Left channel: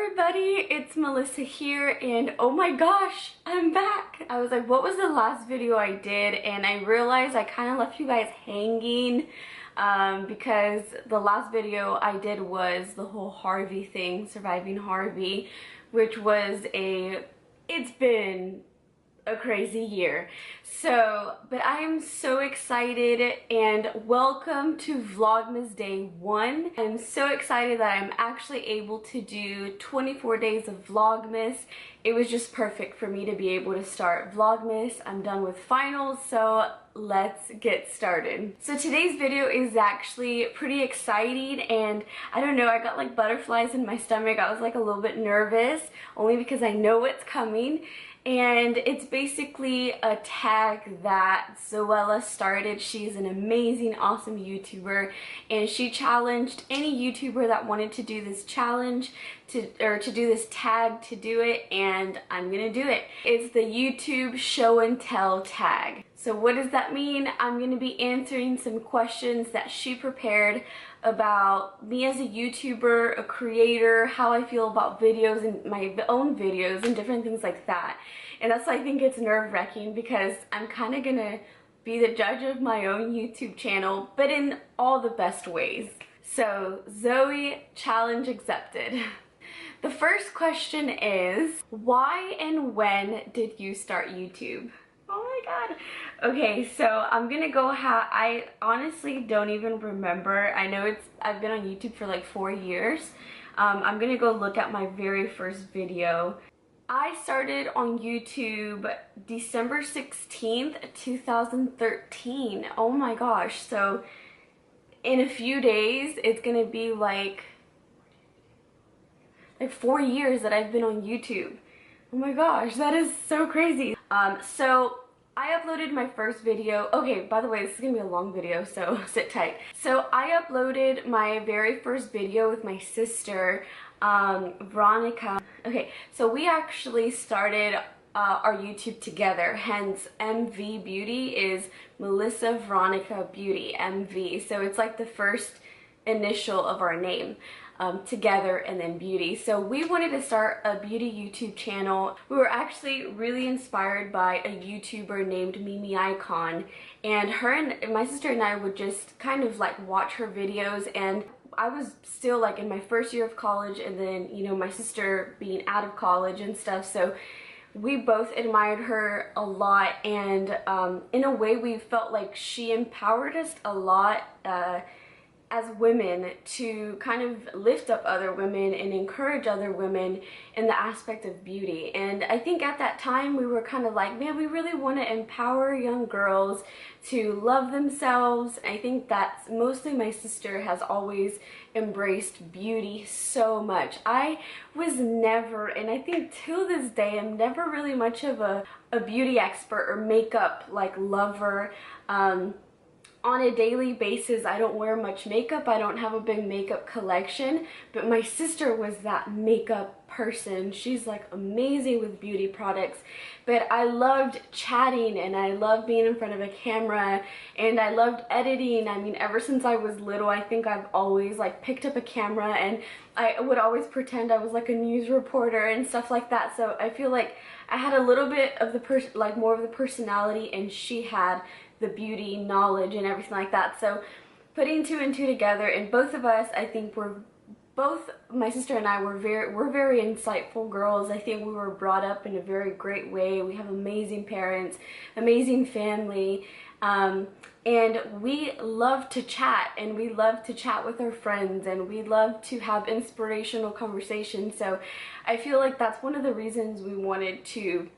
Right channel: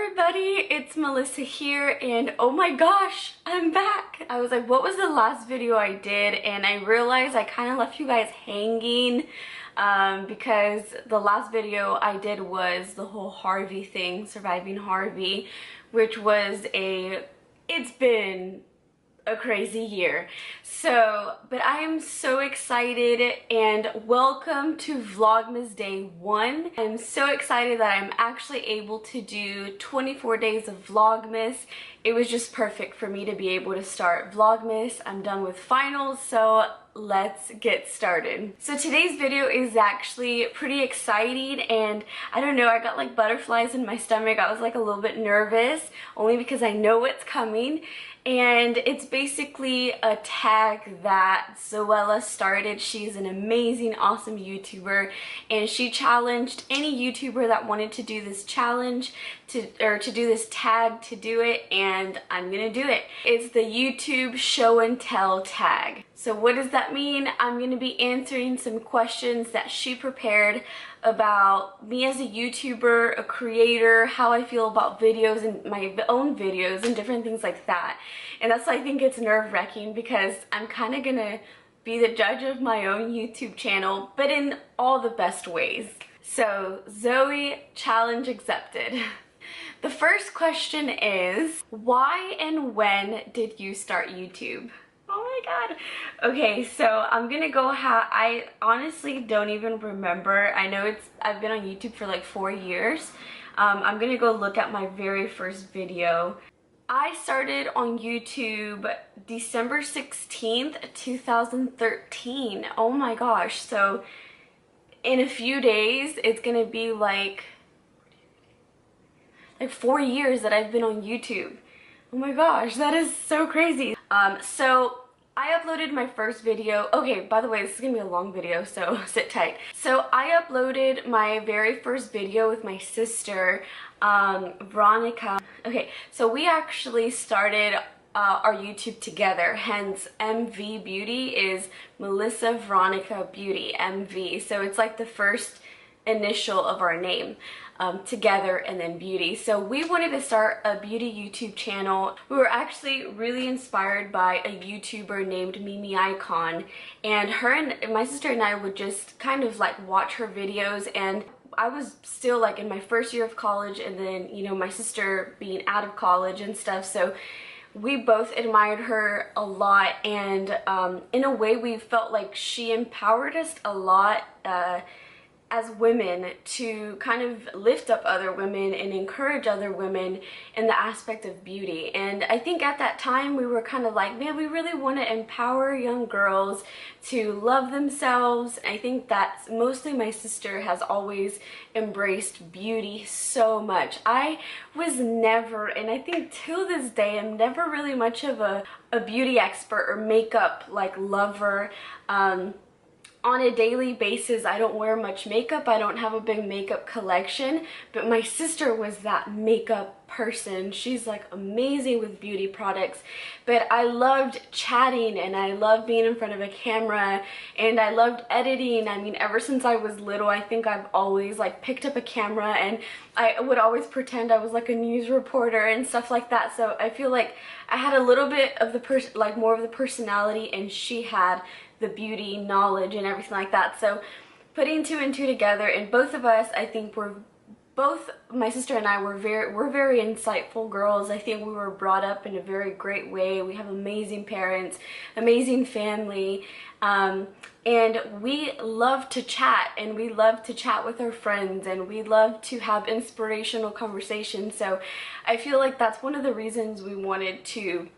everybody, it's Melissa here, and oh my gosh, I'm back. I was like, what was the last video I did? And I realized I kind of left you guys hanging because the last video I did was the whole Harvey thing, surviving Harvey, which was it's been a crazy year. But I am so excited, and welcome to Vlogmas Day 1. I'm so excited that I'm actually able to do 24 days of Vlogmas. It was just perfect for me to be able to start Vlogmas. I'm done with finals, so let's get started. So today's video is actually pretty exciting, and I don't know, I got like butterflies in my stomach. I was like a little bit nervous, only because I know what's coming. And it's basically a tag that Zoella started. She's an amazing, awesome YouTuber, and she challenged any YouTuber that wanted to do this challenge to do this tag to do it, and I'm gonna do it. It's the YouTube show and tell tag. So what does that mean? I'm gonna be answering some questions that she prepared about me as a YouTuber, a creator, how I feel about videos and my own videos and different things like that. And that's why I think it's nerve-wracking, because I'm kind of gonna be the judge of my own YouTube channel, but in all the best ways. So Zoe, challenge accepted. The first question is, why and when did you start YouTube? Oh my god. Okay, so I'm gonna go I honestly don't even remember. I know I've been on YouTube for like 4 years. I'm gonna go look at my very first video. I started on YouTube December 16th, 2013. Oh my gosh. So in a few days, it's gonna be like 4 years that I've been on YouTube. Oh my gosh, that is so crazy. So I uploaded my first video. Okay, by the way, this is gonna be a long video, so sit tight. So I uploaded my very first video with my sister, Veronica. Okay, so we actually started our YouTube together, hence MV Beauty is Melissa Veronica Beauty, MV. So it's like the first initial of our name. Together and then beauty. So we wanted to start a beauty YouTube channel. We were actually really inspired by a YouTuber named Ikonn, and her and my sister and I would just kind of like watch her videos. And I was still like in my first year of college, and then, you know, my sister being out of college and stuff, so we both admired her a lot. And in a way, we felt like she empowered us a lot as women to kind of lift up other women and encourage other women in the aspect of beauty. And I think at that time we were kind of like, man, we really want to empower young girls to love themselves. I think that mostly my sister has always embraced beauty so much. I was never, and I think till this day, I'm never really much of a beauty expert or makeup like lover. On a daily basis, I don't wear much makeup. I don't have a big makeup collection, but my sister was that makeup person. She's like amazing with beauty products. But I loved chatting, and I loved being in front of a camera, and I loved editing. I mean, ever since I was little, I think I've always like picked up a camera, and I would always pretend I was like a news reporter and stuff like that. So I feel like I had a little bit of the more of the personality, and she had the beauty knowledge and everything like that. So putting two and two together, and both of us, I think my sister and I we're very insightful girls. I think we were brought up in a very great way. We have amazing parents, amazing family, and we love to chat, and we love to chat with our friends, and we love to have inspirational conversations. So I feel like that's one of the reasons we wanted to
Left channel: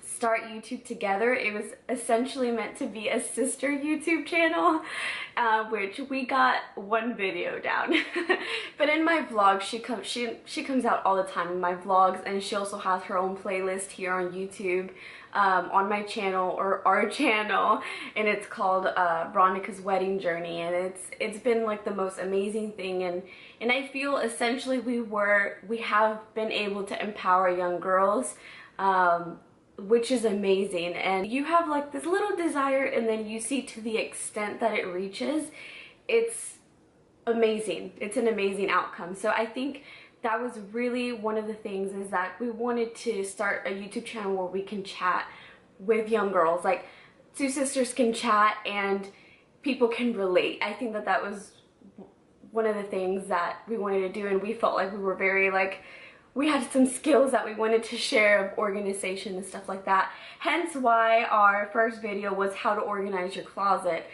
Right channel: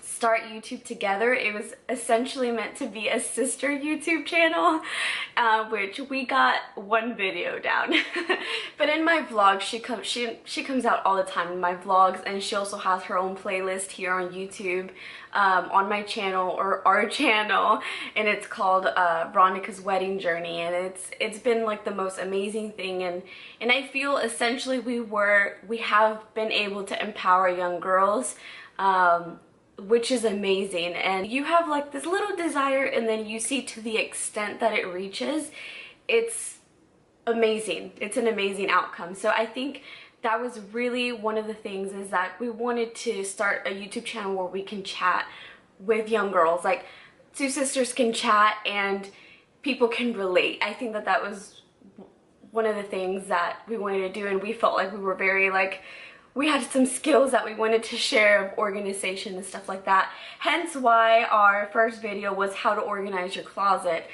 start YouTube together. It was essentially meant to be a sister YouTube channel, which we got one video down. But in my vlogs, she comes out all the time in my vlogs, and she also has her own playlist here on YouTube, on my channel, or our channel, and it's called Veronica's Wedding Journey, and it's been like the most amazing thing. And I feel essentially we have been able to empower young girls, which is amazing. And you have like this little desire, and then you see to the extent that it reaches, it's amazing. It's an amazing outcome. So I think that was really one of the things, is that we wanted to start a YouTube channel where we can chat with young girls, like two sisters can chat and people can relate. I think that that was one of the things that we wanted to do, and we felt like we were very, like, we had some skills that we wanted to share of organization and stuff like that. Hence why our first video was how to organize your closet,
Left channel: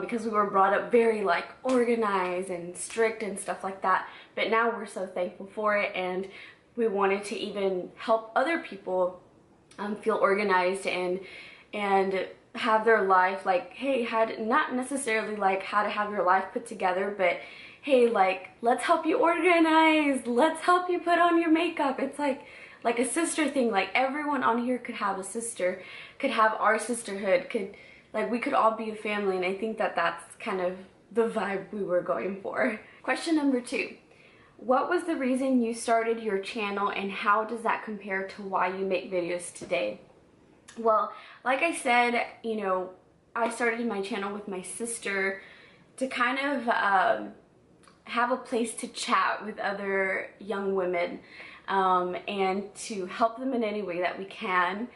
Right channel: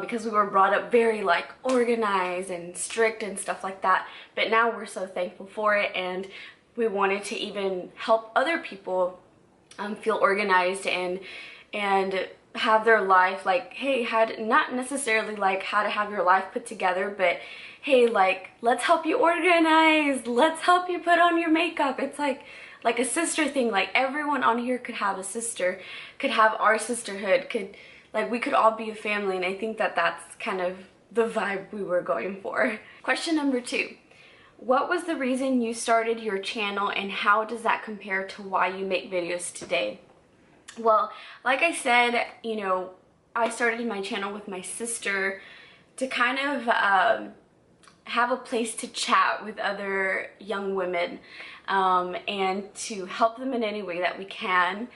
because we were brought up very like organized and strict and stuff like that. But now we're so thankful for it, and we wanted to even help other people feel organized and have their life, like, hey, not necessarily like how to have your life put together, but hey, like, let's help you organize, let's help you put on your makeup. It's like a sister thing. Like, everyone on here could have a sister, could have our sisterhood, we could all be a family, and I think that that's kind of the vibe we were going for. Question number 2. What was the reason you started your channel, and how does that compare to why you make videos today? Well, like I said, you know, I started my channel with my sister to kind of have a place to chat with other young women, and to help them in any way that we can.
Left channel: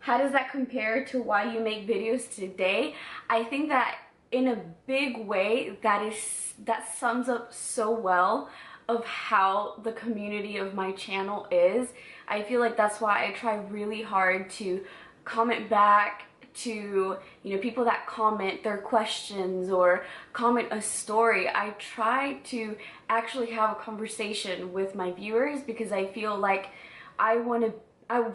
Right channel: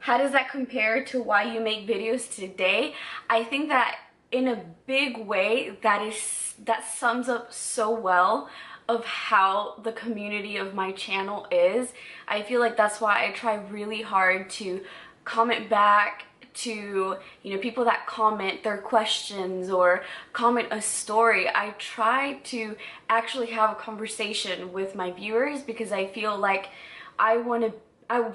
How does that compare to why you make videos today? I think that in a big way, that sums up so well of how the community of my channel is. I feel like that's why I try really hard to comment back to, you know, people that comment their questions or comment a story. I try to actually have a conversation with my viewers, because I feel like I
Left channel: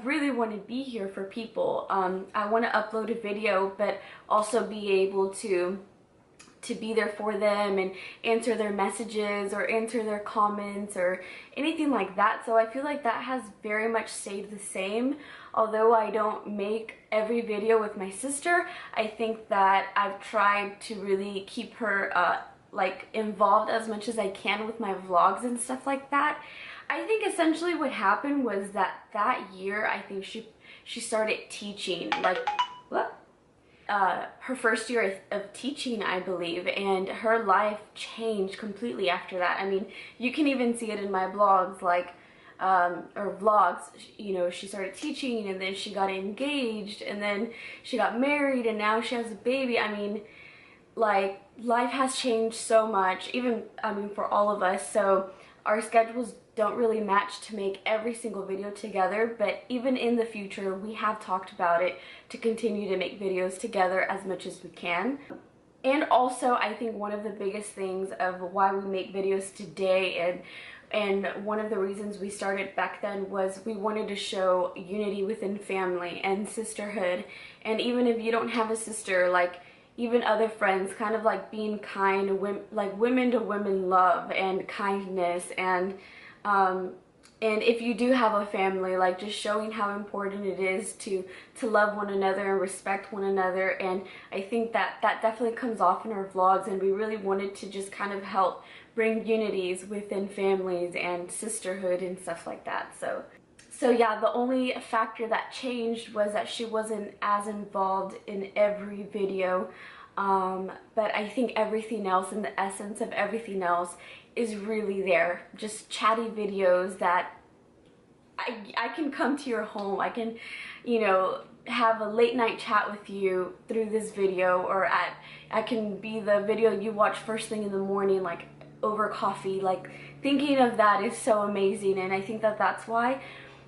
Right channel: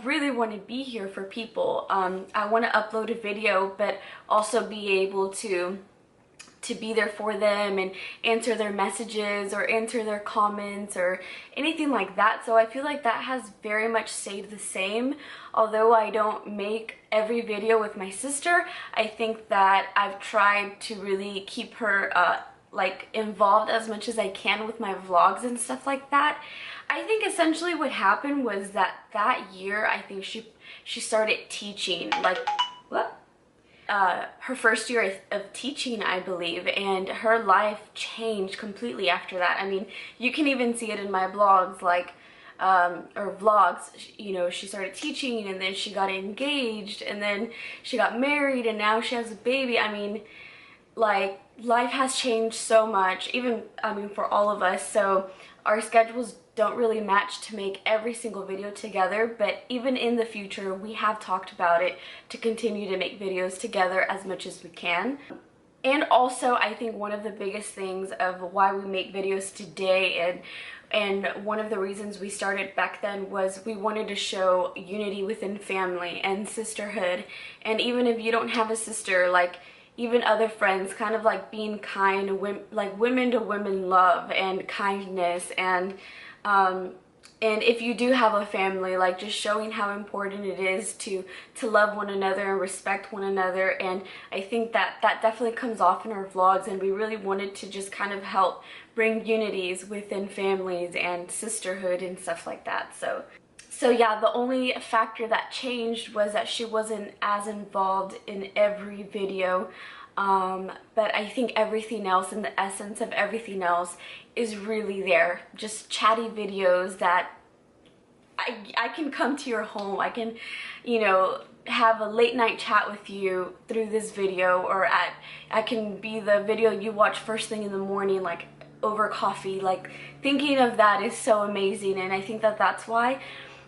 really want to be here for people. I want to upload a video, but also be able to be there for them and answer their messages or answer their comments or anything like that. So I feel like that has very much stayed the same. Although I don't make every video with my sister, I think that I've tried to really keep her like involved as much as I can with my vlogs and stuff like that. I think essentially what happened was that year, I think she started teaching, like, what? Her first year of teaching, I believe, and her life changed completely after that. I mean, you can even see it in my blogs, like, or vlogs, you know, she started teaching, and then she got engaged, and then she got married, and now she has a baby. I mean, like, life has changed so much, even, I mean, for all of us, so our schedules don't really match to make every single video together, but even in the future, we have talked about it to continue to make videos together as much as we can. And also, I think one of the biggest things of why we make videos today, and one of the reasons we started back then, was we wanted to show unity within family and sisterhood. And even if you don't have a sister, like, even other friends, kind of like being kind, like women to women love and kindness, and if you do have a family, like, just showing how important it is to love one another and respect one another. And I think that definitely comes off in our vlogs, and we really wanted to just kind of help bring unities within families and sisterhood and stuff like that. So yeah, the only factor that changed was that she wasn't as involved in every video, but I think everything else, and the essence of everything else, is really there. Just chatty videos that I can come to your home, I can, you know, have a late night chat with you through this video, or I can be the video you watch first thing in the morning, like over coffee. Like, thinking of that is so amazing, and I think that that's why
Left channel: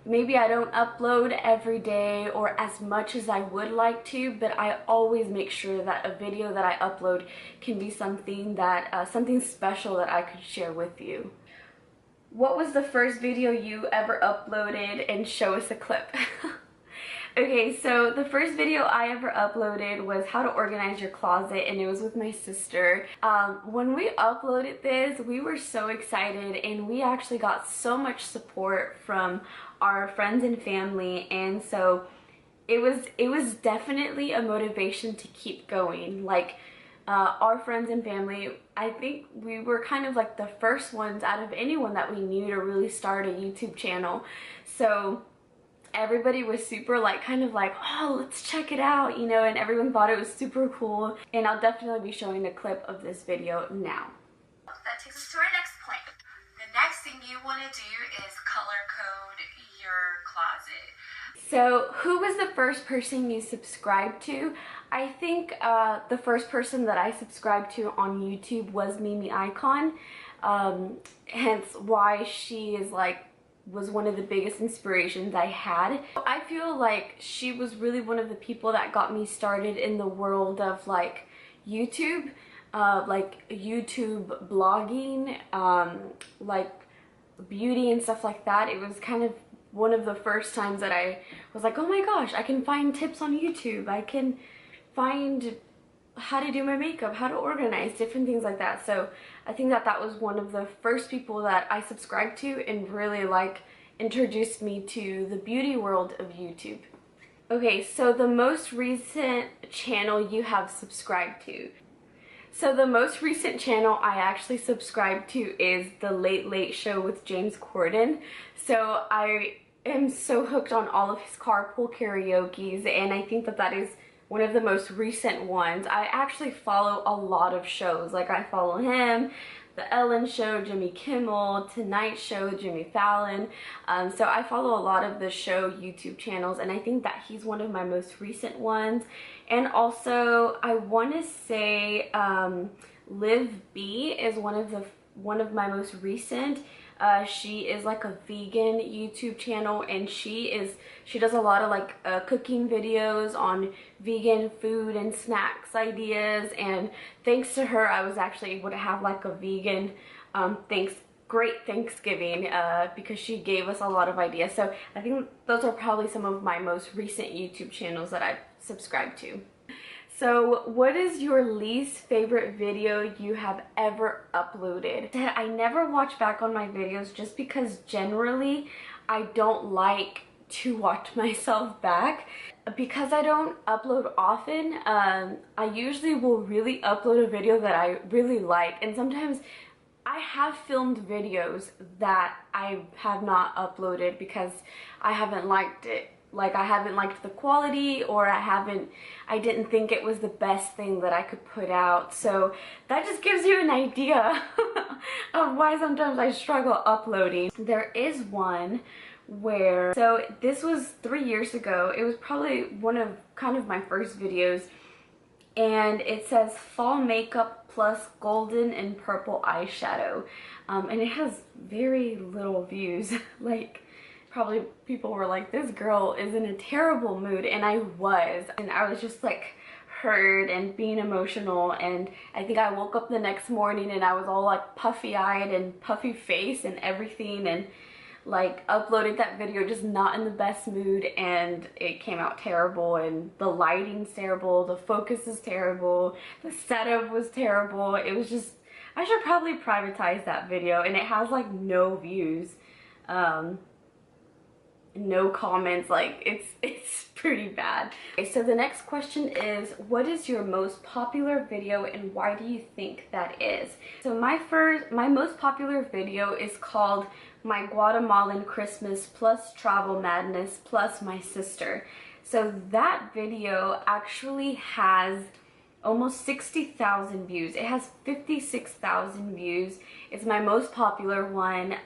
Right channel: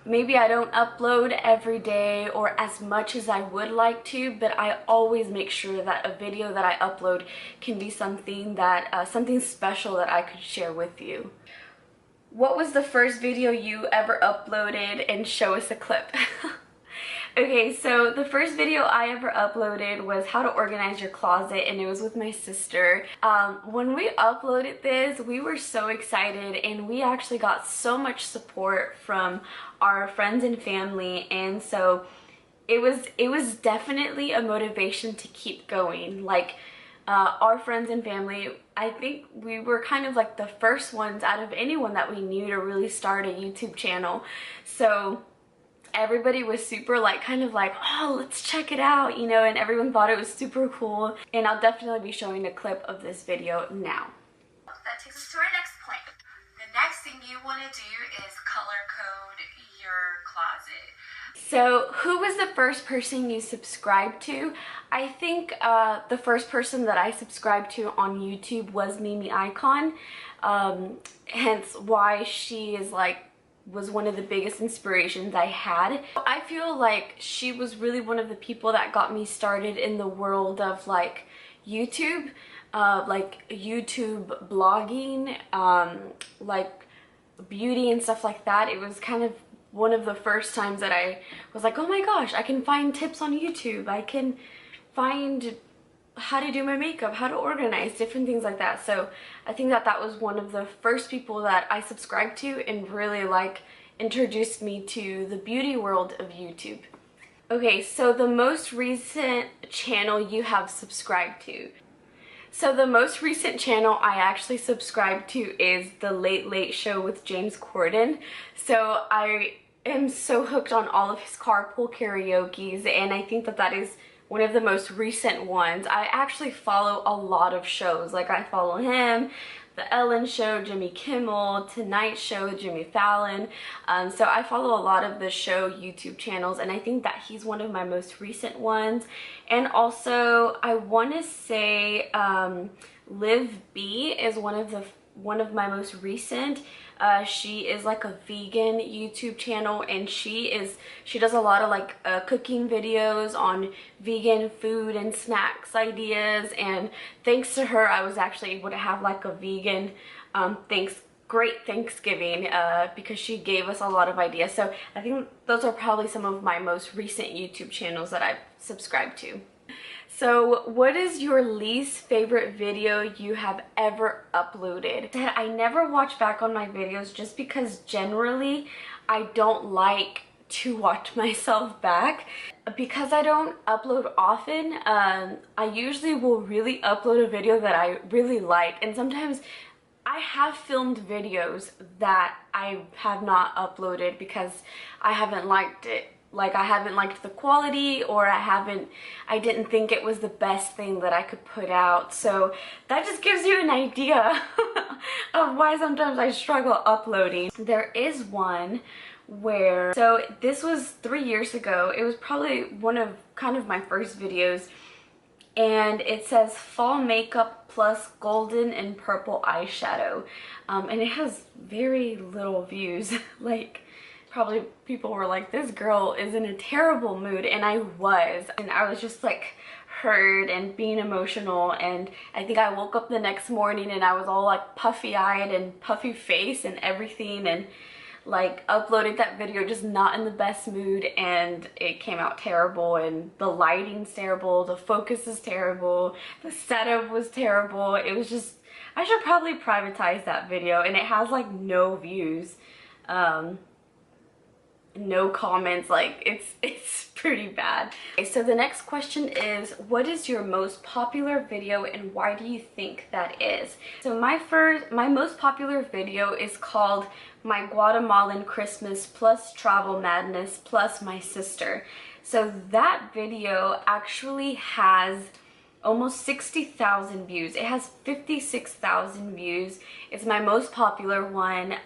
maybe I don't upload every day or as much as I would like to, but I always make sure that a video that I upload can be something that something special that I could share with you. What was the first video you ever uploaded, and show us a clip? Okay, so the first video I ever uploaded was how to organize your closet, and it was with my sister. When we uploaded this, we were so excited, and we actually got so much support from our friends and family, and so it was definitely a motivation to keep going. Like, our friends and family, I think we were kind of like the first ones out of anyone that we knew to really start a YouTube channel. So everybody was super, like, kind of like, oh, let's check it out, you know, and everyone thought it was super cool. And I'll definitely be showing a clip of this video now. That takes us to our next point. The next thing you want want to do is color code your closet. So who was the first person you subscribed to? I think the first person that I subscribed to on YouTube was Ikonn, hence why she is was one of the biggest inspirations I had. I feel like she was really one of the people that got me started in the world of YouTube, YouTube blogging, beauty and stuff like that. It was kind of one of the first times that I was like, oh my gosh, I can find tips on YouTube. I can find how to do my makeup, how to organize, different things like that. So I think that that was one of the first people that I subscribed to and really introduced me to the beauty world of YouTube. Okay, so the most recent channel you have subscribed to. So the most recent channel I actually subscribed to is the Late Late Show with James Corden. So I am so hooked on all of his carpool karaoke's, and I think that that is one of the most recent ones. I actually follow a lot of shows. I follow him, The Ellen Show, Jimmy Kimmel, Tonight Show, Jimmy Fallon. So I follow a lot of the show YouTube channels, and I think that he's one of my most recent ones. And also, I want to say Liv B is one of my most recent. She is a vegan YouTube channel, and she does a lot of cooking videos on vegan food and snacks ideas, and thanks to her I was actually able to have a vegan great Thanksgiving because she gave us a lot of ideas. So I think those are probably some of my most recent YouTube channels that I've subscribed to. So what is your least favorite video you have ever uploaded? I never watch back on my videos just because generally I don't like to watch myself back. Because I don't upload often, I usually will really upload a video that I really like, and sometimes I have filmed videos that I have not uploaded because I haven't liked it. I haven't liked the quality, or I didn't think it was the best thing that I could put out. So that just gives you an idea of why sometimes I struggle uploading. There is one where, so this was 3 years ago. It was probably one of kind of my first videos, and it says fall makeup plus golden and purple eyeshadow, and it has very little views. Probably people were like, this girl is in a terrible mood, and I was just hurt and being emotional. And I think I woke up the next morning and I was all puffy-eyed and puffy face and everything, and uploaded that video just not in the best mood, and it came out terrible, and the lighting's terrible, the focus is terrible, the setup was terrible. It was just, I should probably privatize that video, and it has no views, no comments. It's pretty bad. Okay, so the next question is, what is your most popular video and why do you think that is? So my most popular video is called My Guatemalan Christmas plus Travel Madness plus My Sister. So that video actually has almost 60,000 views. It has 56,000 views. It's my most popular one.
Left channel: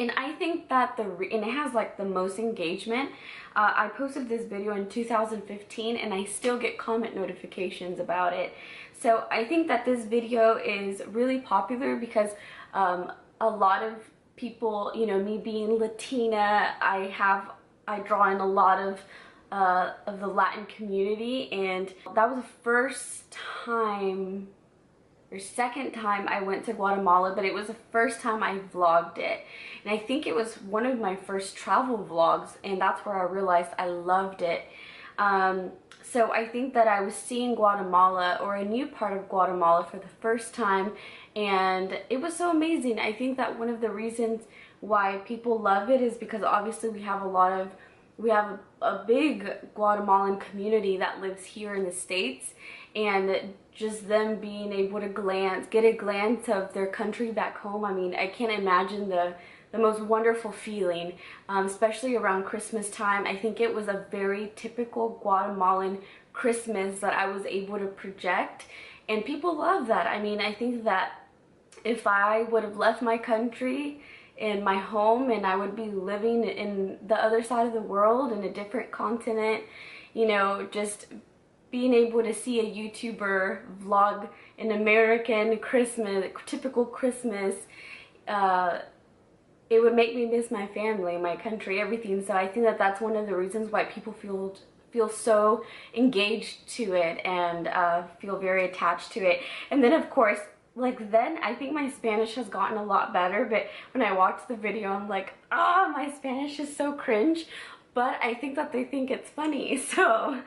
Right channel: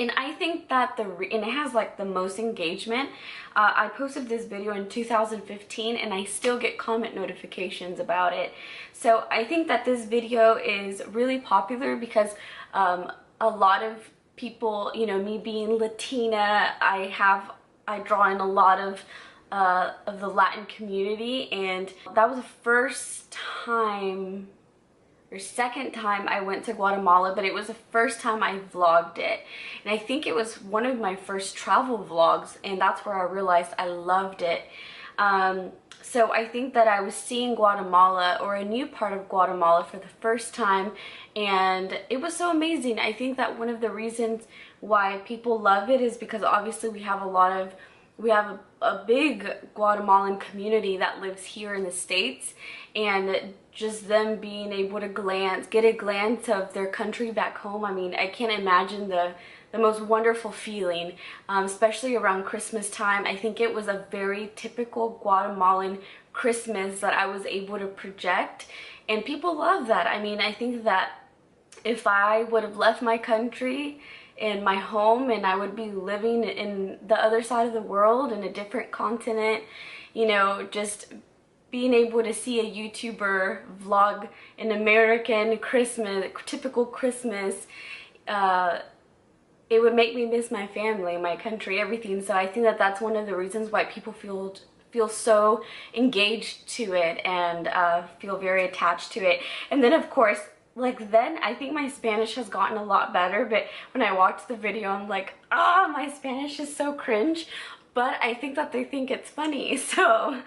And I think that and it has the most engagement. I posted this video in 2015 and I still get comment notifications about it. So I think that this video is really popular because a lot of people, me being Latina, I draw in a lot of the Latin community, and that was the first time or second time I went to Guatemala, but it was the first time I vlogged it. And I think it was one of my first travel vlogs, and that's where I realized I loved it. So I think that I was seeing Guatemala, or a new part of Guatemala, for the first time, and it was so amazing. I think that one of the reasons why people love it is because obviously we have a big Guatemalan community that lives here in the States, and just them being able to get a glance of their country back home. I mean, I can't imagine the most wonderful feeling, especially around Christmas time. I think it was a very typical Guatemalan Christmas that I was able to project, and people love that. I mean, I think that if I would have left my country, in my home and I would be living in the other side of the world, in a different continent, you know, just being able to see a YouTuber vlog an American Christmas, typical Christmas, it would make me miss my family, my country, everything. So I think that that's one of the reasons why people feel so engaged to it and feel very attached to it. And then of course, like then I think my Spanish has gotten a lot better, but when I watched the video I'm like, ah, my Spanish is so cringe, but I think that they think it's funny. So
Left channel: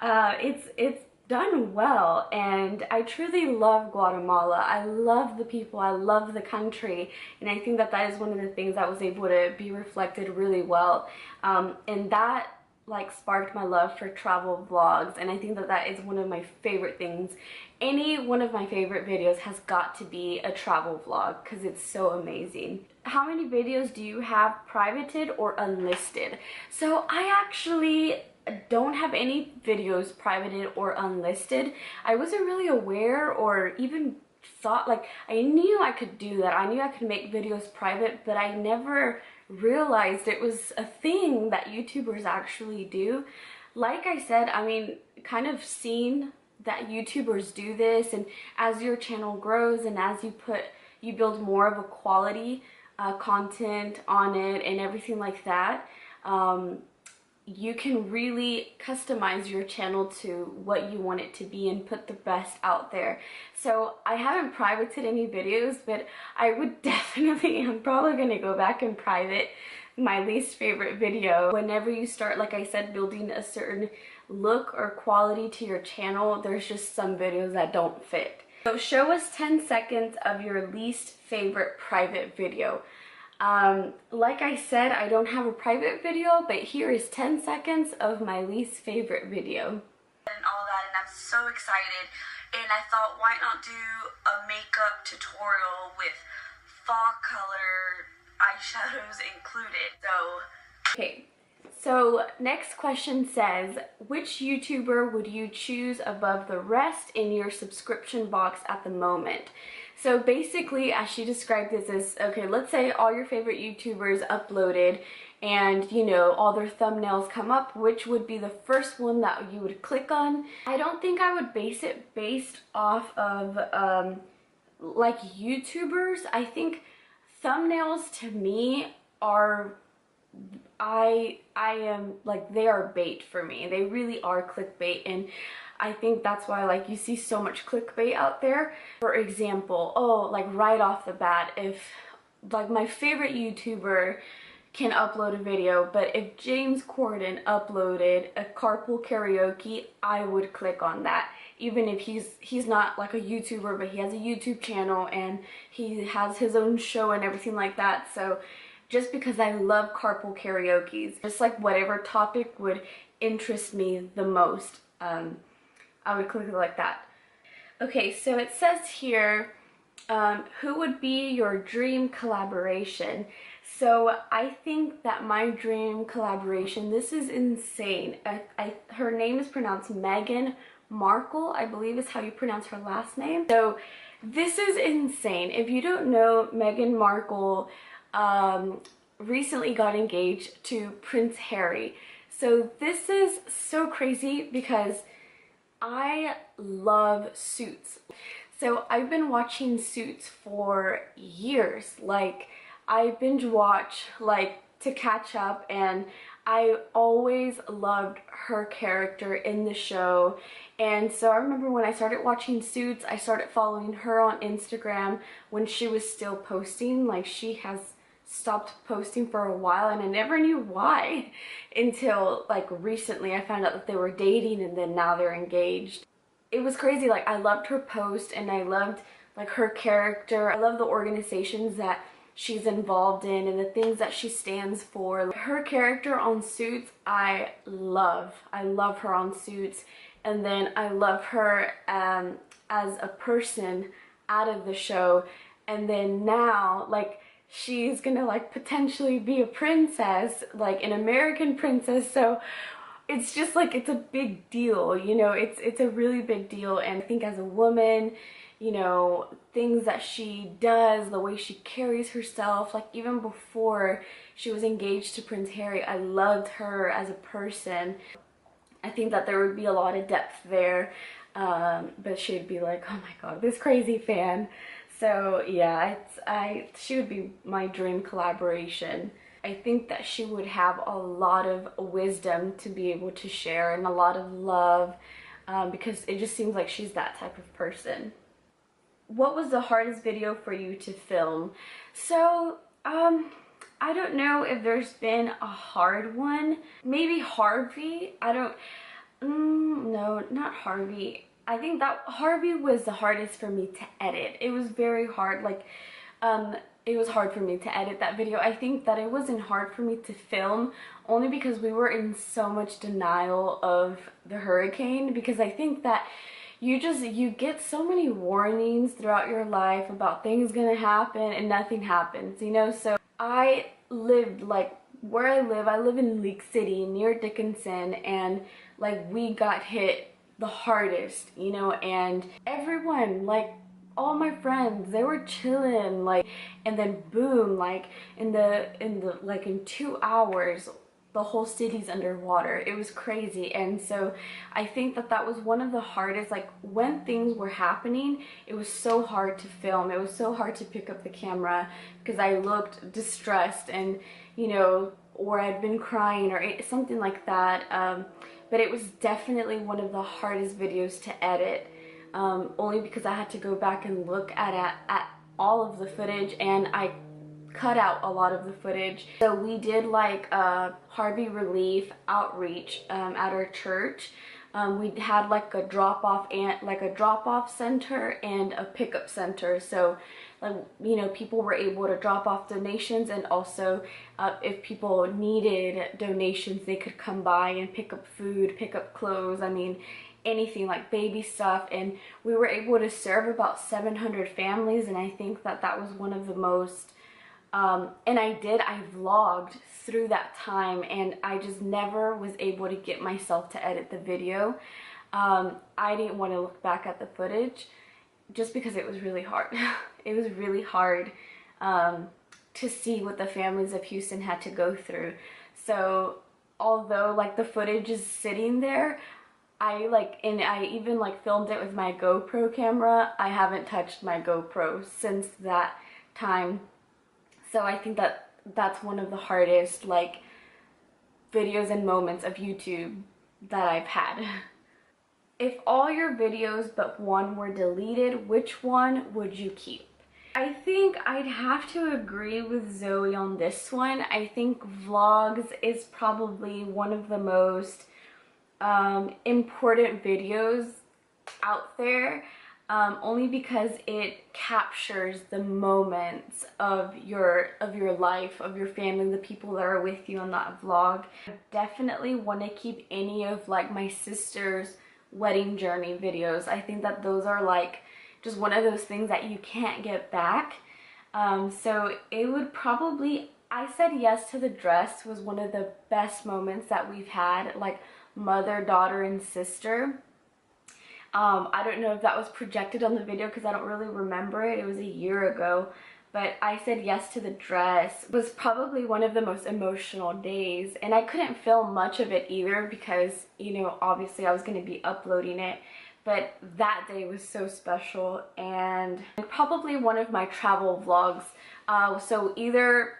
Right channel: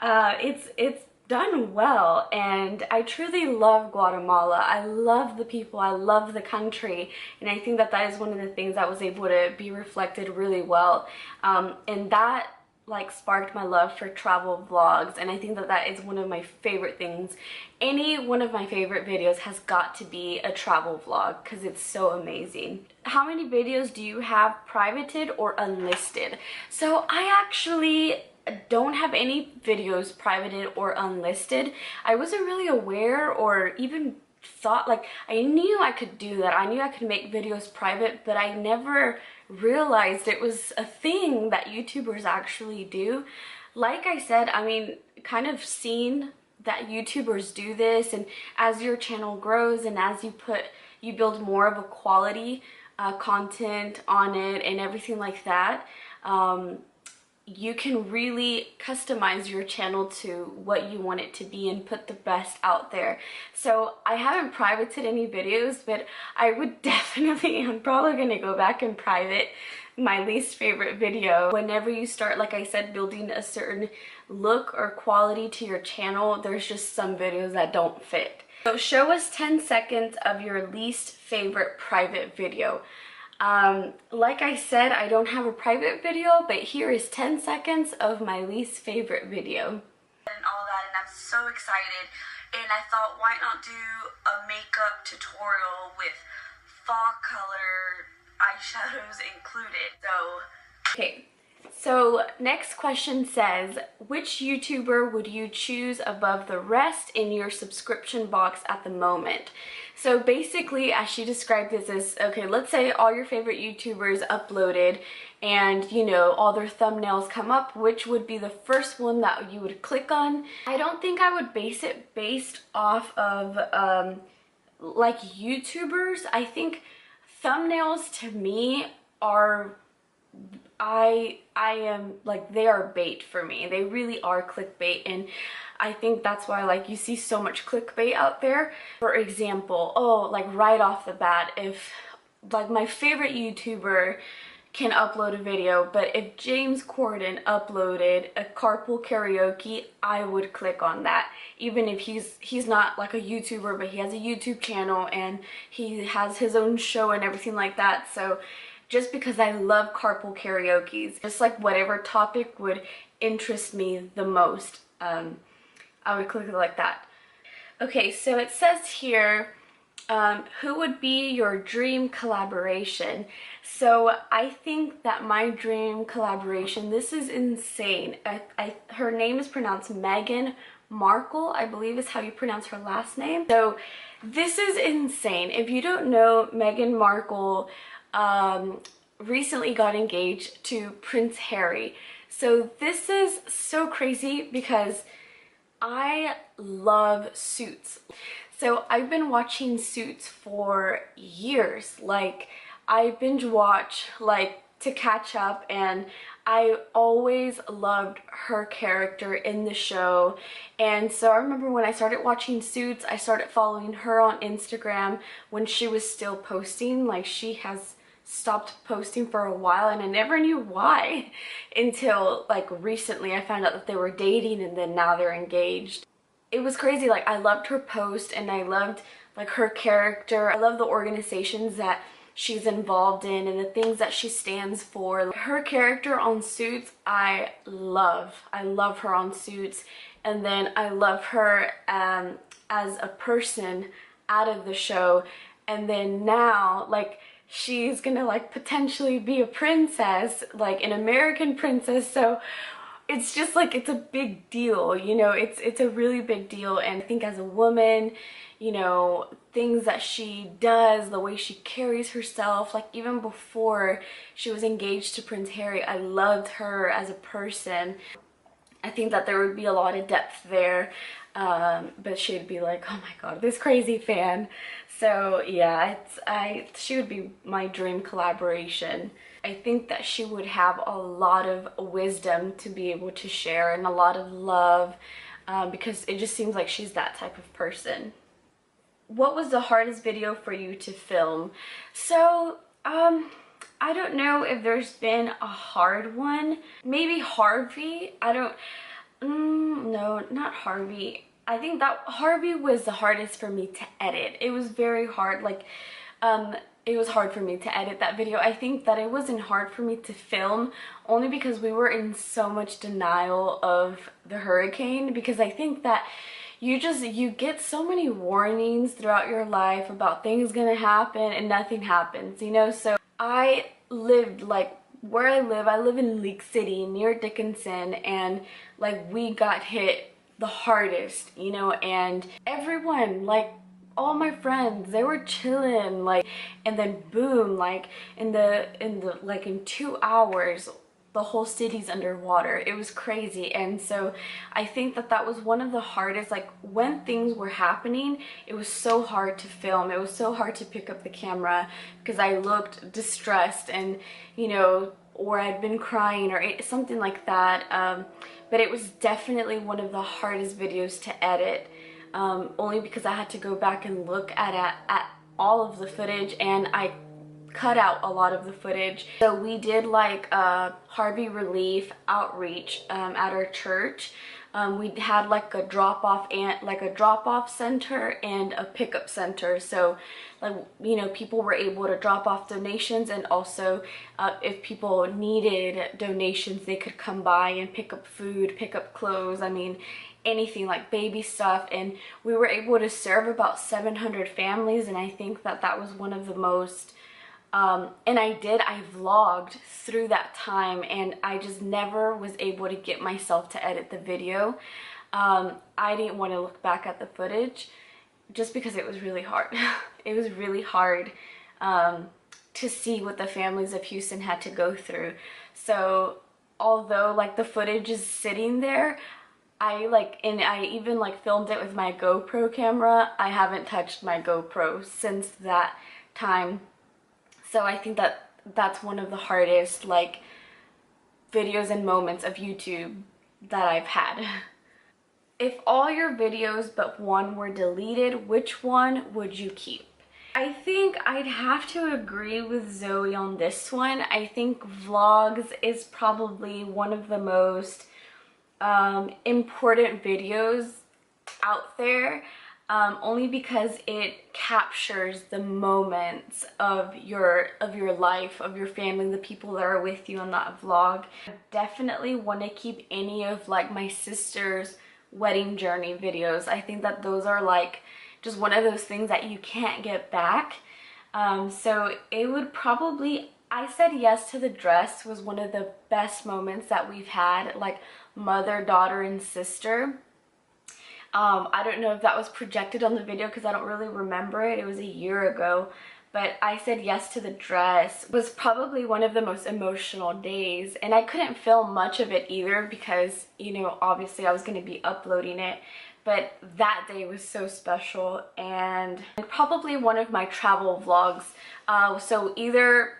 it's done well, and I truly love Guatemala. I love the people, I love the country, and I think that that is one of the things that was able to be reflected really well, and that like sparked my love for travel vlogs. And I think that that is one of my favorite things. Any one of my favorite videos has got to be a travel vlog because it's so amazing. How many videos do you have privated or unlisted? So I actually don't have any videos privated or unlisted. I wasn't really aware or even thought, like, I knew I could do that. I knew I could make videos private, but I never realized it was a thing that YouTubers actually do. Like I said, I mean, kind of seen that YouTubers do this, and as your channel grows and as you build more of a quality content on it and everything like that, you can really customize your channel to what you want it to be and put the best out there. So I haven't privated any videos, but I would definitely, I'm probably gonna go back and private my least favorite video. Whenever you start, like I said, building a certain look or quality to your channel, there's just some videos that don't fit. So show us 10 seconds of your least favorite private video. Like I said, I don't have a private video, but here is 10 seconds of my least favorite video. And all that, and I'm so excited. And I thought, why not do a makeup tutorial with fall color eyeshadows included? Okay, so next question says, which YouTuber would you choose above the rest in your subscription box at the moment? So basically, as she described this is, okay, let's say all your favorite YouTubers uploaded and, you know, all their thumbnails come up, which would be the first one that you would click on? I don't think I would base it based off of like YouTubers. I think thumbnails to me are, I am like, they are bait for me. They really are clickbait, and I think that's why, like, you see so much clickbait out there. For example, oh, like right off the bat, if like my favorite YouTuber can upload a video, but if James Corden uploaded a carpool karaoke, I would click on that. Even if he's not like a YouTuber, but he has a YouTube channel and he has his own show and everything like that. So just because I love carpool karaoke's, just like whatever topic would interest me the most, I would click it like that. Okay, so it says here, who would be your dream collaboration? So I think that my dream collaboration, this is insane. Her name is pronounced Meghan Markle, I believe is how you pronounce her last name. So this is insane. If you don't know, Meghan Markle recently got engaged to Prince Harry. So this is so crazy because I love Suits. So I've been watching Suits for years. Like, I binge watch like to catch up, and I always loved her character in the show. And so I remember when I started watching Suits, I started following her on Instagram when she was still posting. Like, she has stopped posting for a while, and I never knew why until like recently I found out that they were dating, and then now they're engaged. It was crazy. Like, I loved her post, and I loved like her character. I love the organizations that she's involved in and the things that she stands for. Her character on Suits, I love her on Suits. And then I love her as a person out of the show. And then now, like, she's gonna like potentially be a princess, like an American princess. So it's just like, it's a big deal, you know, it's a really big deal. And I think as a woman, you know, things that she does, the way she carries herself, like even before she was engaged to Prince Harry, I loved her as a person. I think that there would be a lot of depth there, but she'd be like, oh my god, this crazy fan. So yeah, she would be my dream collaboration. I think that she would have a lot of wisdom to be able to share and a lot of love, because it just seems like she's that type of person. What was the hardest video for you to film? So, I don't know if there's been a hard one. Maybe Harvey. No, not Harvey. I think that Harvey was the hardest for me to edit. It was very hard. Like, it was hard for me to edit that video. I think that it wasn't hard for me to film only because we were in so much denial of the hurricane, because I think that you get so many warnings throughout your life about things gonna happen and nothing happens, you know? So I lived, like, where I live in Leak City near Dickinson, and like we got hit the hardest, you know, and everyone, like all my friends, they were chilling, like, and then boom, like in 2 hours the whole city's underwater. It was crazy. And so I think that that was one of the hardest, like when things were happening, it was so hard to film. It was so hard to pick up the camera because I looked distressed, and you know, or I'd been crying or something like that. But it was definitely one of the hardest videos to edit, only because I had to go back and look at all of the footage, and I cut out a lot of the footage. So we did like a Harvey relief outreach at our church. We had like a drop-off center and a pickup center. So like, you know, people were able to drop off donations, and also if people needed donations, they could come by and pick up food, pick up clothes, I mean anything, like baby stuff. And we were able to serve about 700 families, and I think that that was one of the most and I vlogged through that time, and I just never was able to get myself to edit the video. I didn't want to look back at the footage just because it was really hard. It was really hard to see what the families of Houston had to go through. So although like the footage is sitting there, I even like filmed it with my GoPro camera. I haven't touched my GoPro since that time. So I think that that's one of the hardest like videos and moments of YouTube that I've had. If all your videos but one were deleted, which one would you keep? I think I'd have to agree with Zoe on this one. I think vlogs is probably one of the most important videos out there. Only because it captures the moments of your life, of your family, the people that are with you on that vlog. I definitely want to keep any of like my sister's wedding journey videos. I think that those are like just one of those things that you can't get back. So it would probably, I said yes to the dress was one of the best moments that we've had, like mother, daughter, and sister. I don't know if that was projected on the video because I don't really remember it. It was a year ago. But I said yes to the dress. It was probably one of the most emotional days. And I couldn't film much of it either because, you know, obviously I was going to be uploading it. But that day was so special. And probably one of my travel vlogs. So either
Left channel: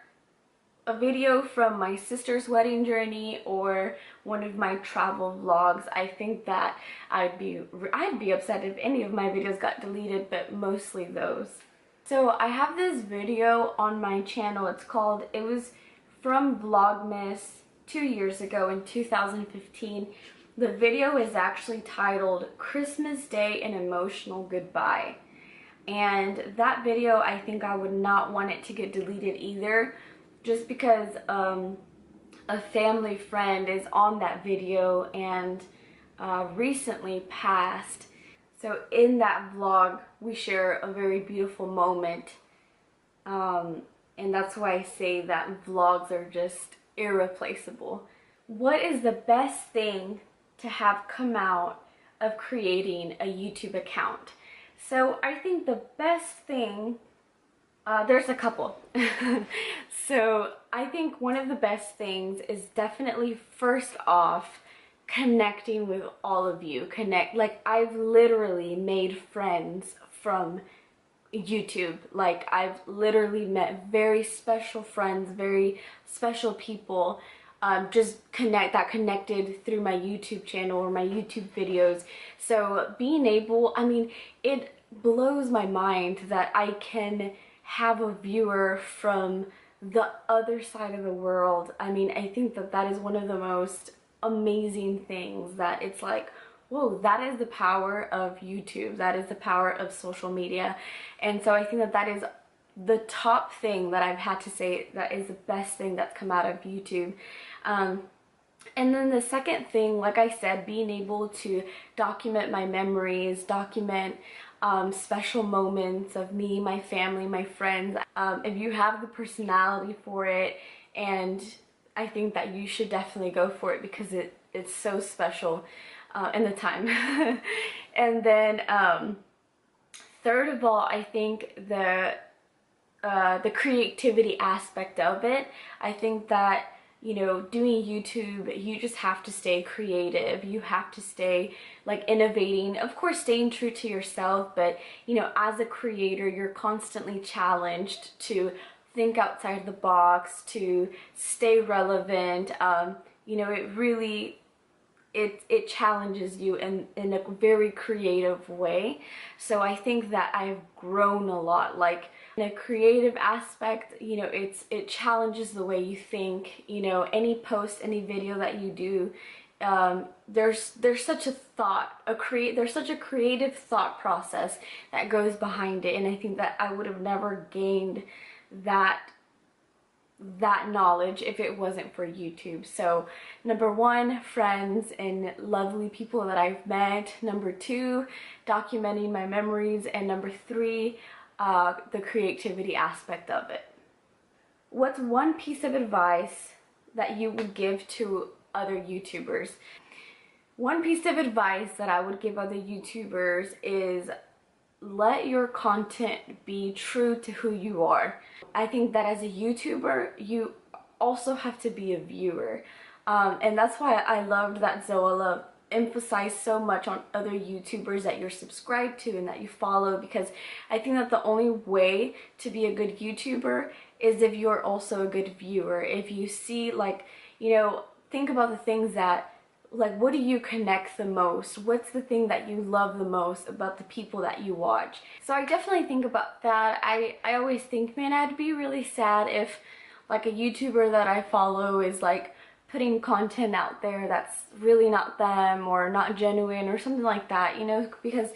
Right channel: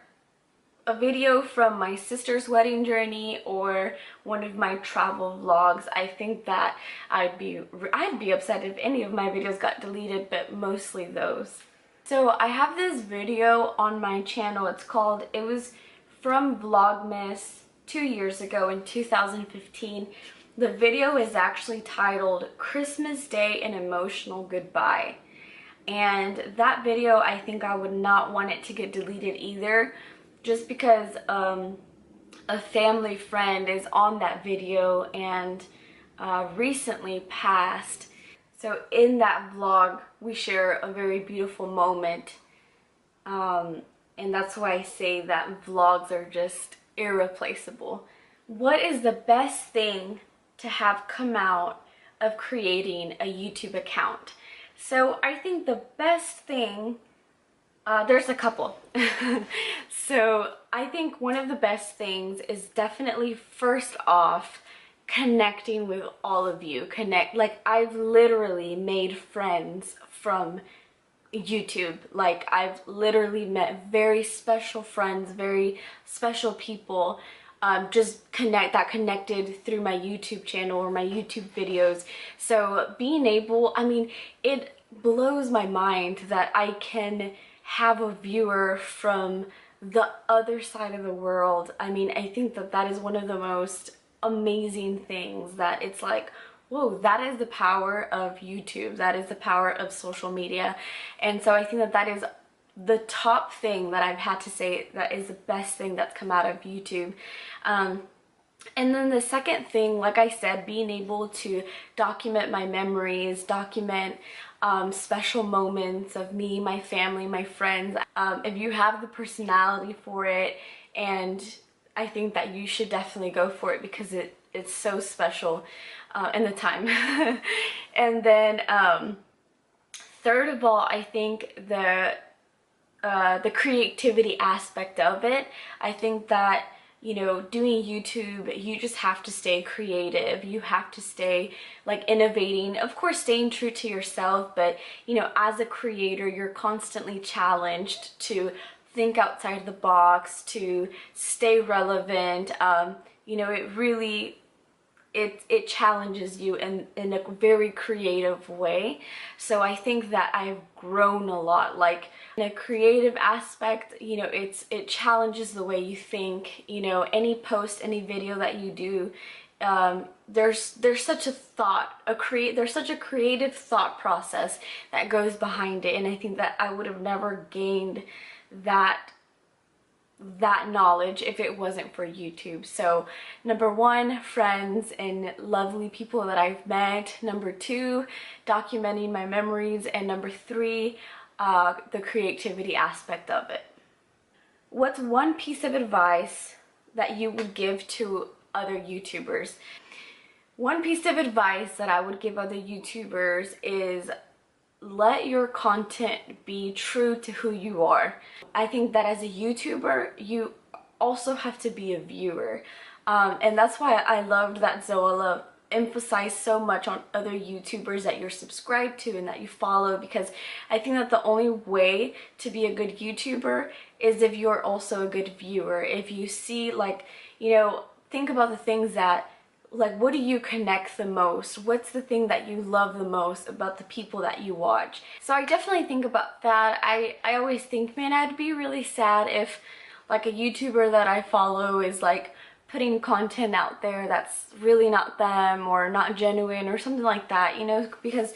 a video from my sister's wedding journey or one of my travel vlogs. I think that I'd be upset if any of my videos got deleted, but mostly those. So I have this video on my channel. It was from Vlogmas 2 years ago in 2015. The video is actually titled Christmas Day, an Emotional Goodbye. And that video, I think I would not want it to get deleted either, just because a family friend is on that video and recently passed. So in that vlog, we share a very beautiful moment. And that's why I say that vlogs are just irreplaceable. What is the best thing to have come out of creating a YouTube account? So I think the best thing, there's a couple. So I think one of the best things is definitely, first off, connecting with all of you. Like, I've literally made friends from YouTube. Like, I've literally met very special friends, very special people, just connected through my YouTube channel or my YouTube videos. So being able, I mean, it blows my mind that I can have a viewer from the other side of the world. I mean, I think that that is one of the most amazing things, that it's like, whoa, that is the power of YouTube. That is the power of social media. And so I think that that is the top thing that I've had to say that is the best thing that's come out of YouTube. And then the second thing, like I said, being able to document my memories, document special moments of me, my family, my friends. If you have the personality for it, and I think that you should definitely go for it, because it's so special in the time. And then third of all, I think the creativity aspect of it. I think that, you know, doing YouTube, you just have to stay creative. You have to stay like innovating, of course staying true to yourself, but you know, as a creator, you're constantly challenged to think outside the box, to stay relevant. You know, it really, it challenges you in a very creative way. So I think that I've grown a lot, like in a creative aspect. You know, it challenges the way you think. You know, any post, any video that you do, there's such a thought, there's such a creative thought process that goes behind it. And I think that I would have never gained that knowledge if it wasn't for YouTube. So number one, friends and lovely people that I've met. Number two, documenting my memories. And number three, the creativity aspect of it. What's one piece of advice that you would give to other YouTubers? One piece of advice that I would give other YouTubers is, let your content be true to who you are. I think that as a YouTuber, you also have to be a viewer. And that's why I loved that Zoella emphasized so much on other YouTubers that you're subscribed to and that you follow, because I think that the only way to be a good YouTuber is if you're also a good viewer. If you see, like, you know, think about the things that, like, what do you connect the most? What's the thing that you love the most about the people that you watch? So I definitely think about that. I always think, man, I'd be really sad if like a YouTuber that I follow is like putting content out there that's really not them or not genuine or something like that, you know, because,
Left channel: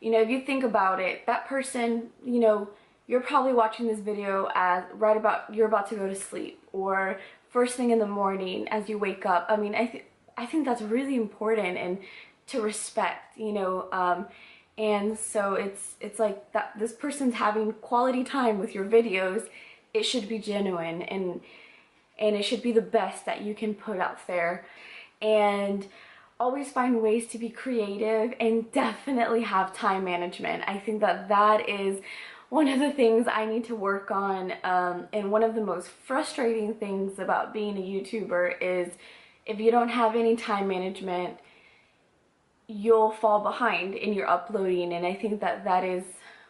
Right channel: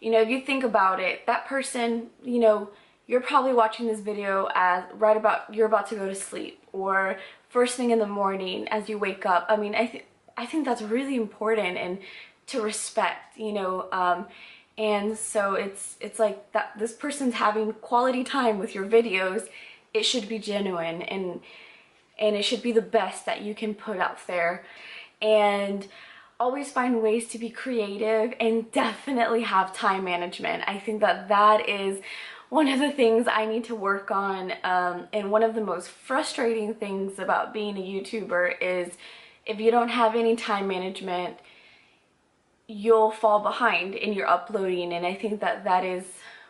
you know, if you think about it, that person, you know, you're probably watching this video as you're about to go to sleep, or first thing in the morning as you wake up. I mean, I think that's really important and to respect, you know, and so it's like that this person's having quality time with your videos. It should be genuine, and it should be the best that you can put out there. And always find ways to be creative, and definitely have time management. I think that that is one of the things I need to work on, and one of the most frustrating things about being a YouTuber is if you don't have any time management, you'll fall behind in your uploading. And I think that that is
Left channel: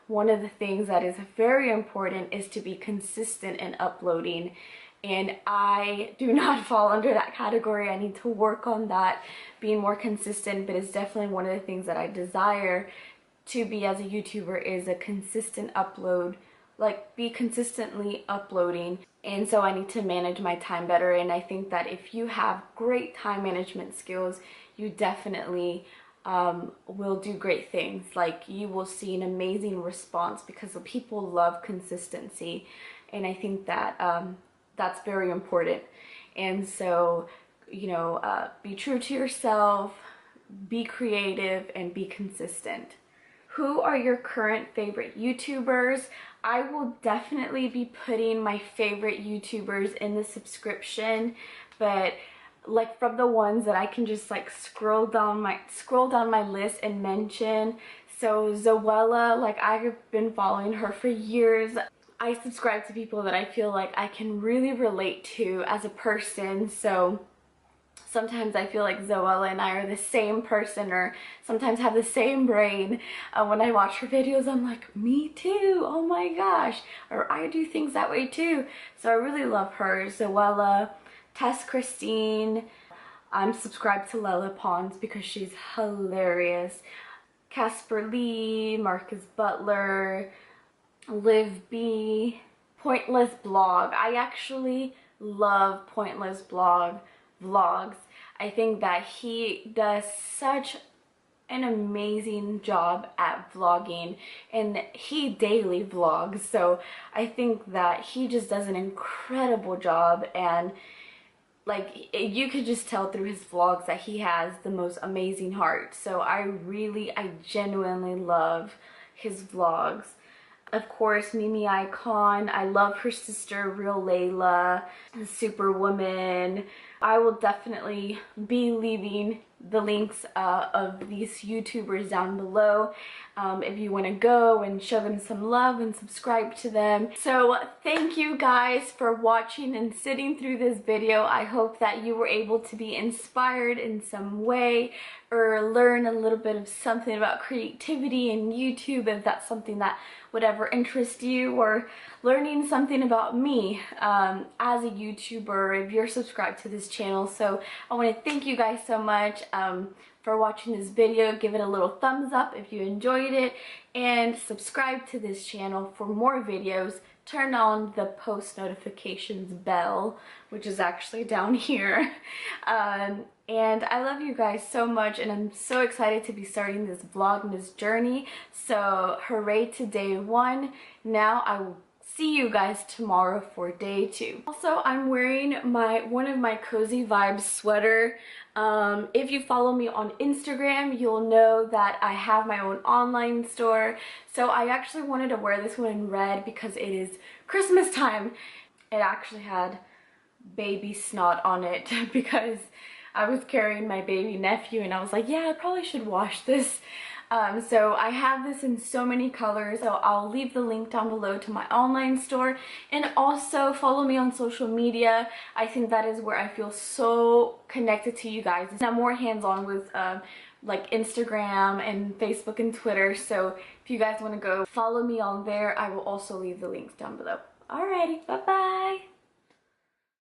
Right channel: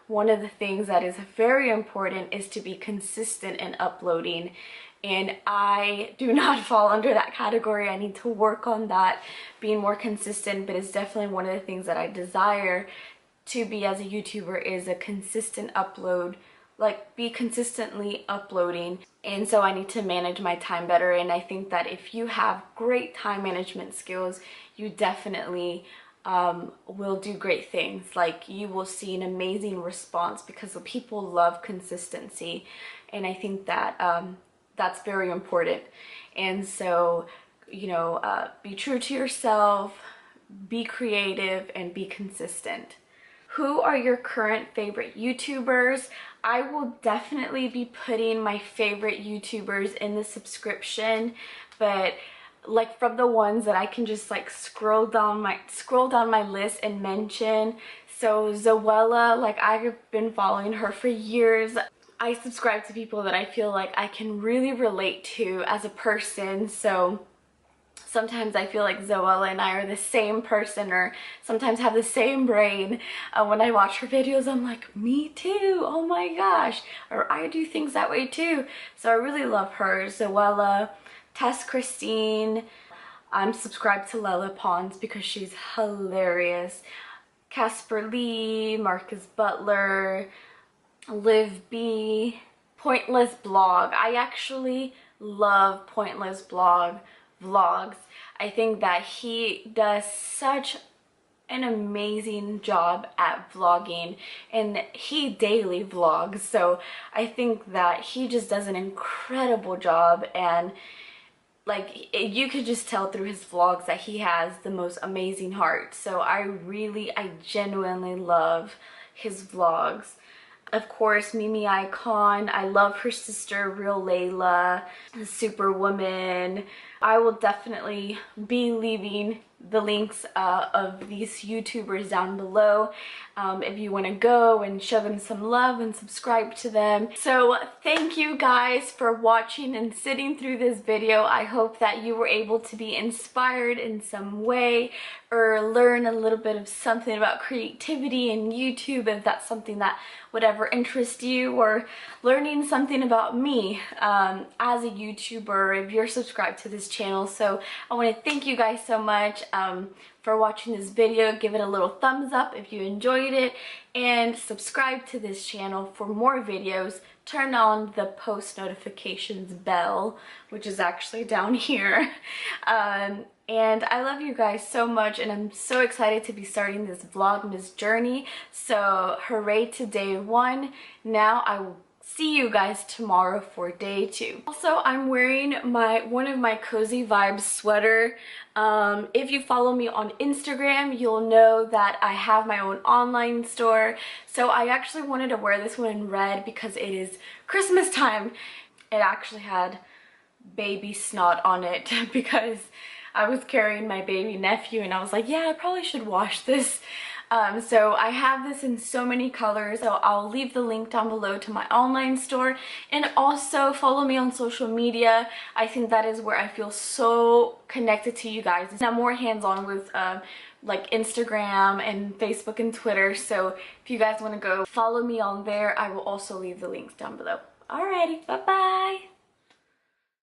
one of the things that is very important, is to be consistent in uploading. And I do not fall under that category. I need to work on that, being more consistent, but it's definitely one of the things that I desire to be as a YouTuber, is a consistent upload, like be consistently uploading. And so I need to manage my time better. And I think that if you have great time management skills, you definitely will do great things. Like, you will see an amazing response, because the people love consistency. And I think that that's very important. And so, you know, be true to yourself, be creative, and be consistent. Who are your current favorite YouTubers? I will definitely be putting my favorite YouTubers in the subscription, but like from the ones that I can just like scroll down my list and mention. So Zoella, like I've been following her for years. I subscribe to people that I feel like I can really relate to as a person. So sometimes I feel like Zoella and I are the same person, or sometimes have the same brain. When I watch her videos, I'm like, me too, oh my gosh, or I do things that way too. So I really love her. Zoella, Tess Christine. I'm subscribed to Lele Pons because she's hilarious. Casper, Butler, Liv B, PointlessBlog. I actually love PointlessBlogVlogs. I think that he does such an amazing job at vlogging, and he daily vlogs, so I think that he just does an incredible job. And like you could just tell through his vlogs that he has the most amazing heart. So I genuinely love his vlogs. Of course, Ikonn. I love her sister RealLeyla, Superwoman. I will definitely be leaving the links of these YouTubers down below if you want to go and show them some love and subscribe to them. So thank you guys for watching and sitting through this video. I hope that you were able to be inspired in some way, or learn a little bit of something about creativity and YouTube, if that's something that would ever interest you, or learning something about me as a YouTuber if you're subscribed to this channel. So I want to thank you guys so much for watching this video. Give it a little thumbs up if you enjoyed it, and subscribe to this channel for more videos. Turn on the post notifications bell, which is actually down here. And I love you guys so much, and I'm so excited to be starting this Vlogmas journey. So hooray to day 1. Now I will see you guys tomorrow for day 2. Also, I'm wearing one of my Cozy Vibes sweater. If you follow me on Instagram, you'll know that I have my own online store. So I actually wanted to wear this one in red because it is Christmas time. It actually had baby snot on it because I was carrying my baby nephew, and I was like, yeah, I probably should wash this. So I have this in so many colors, so I'll leave the link down below to my online store. And also follow me on social media. I think that is where I feel so connected to you guys. I'm more hands-on with like Instagram and Facebook and Twitter, so if you guys want to go follow me on there, I will also leave the links down below. Alrighty, bye bye.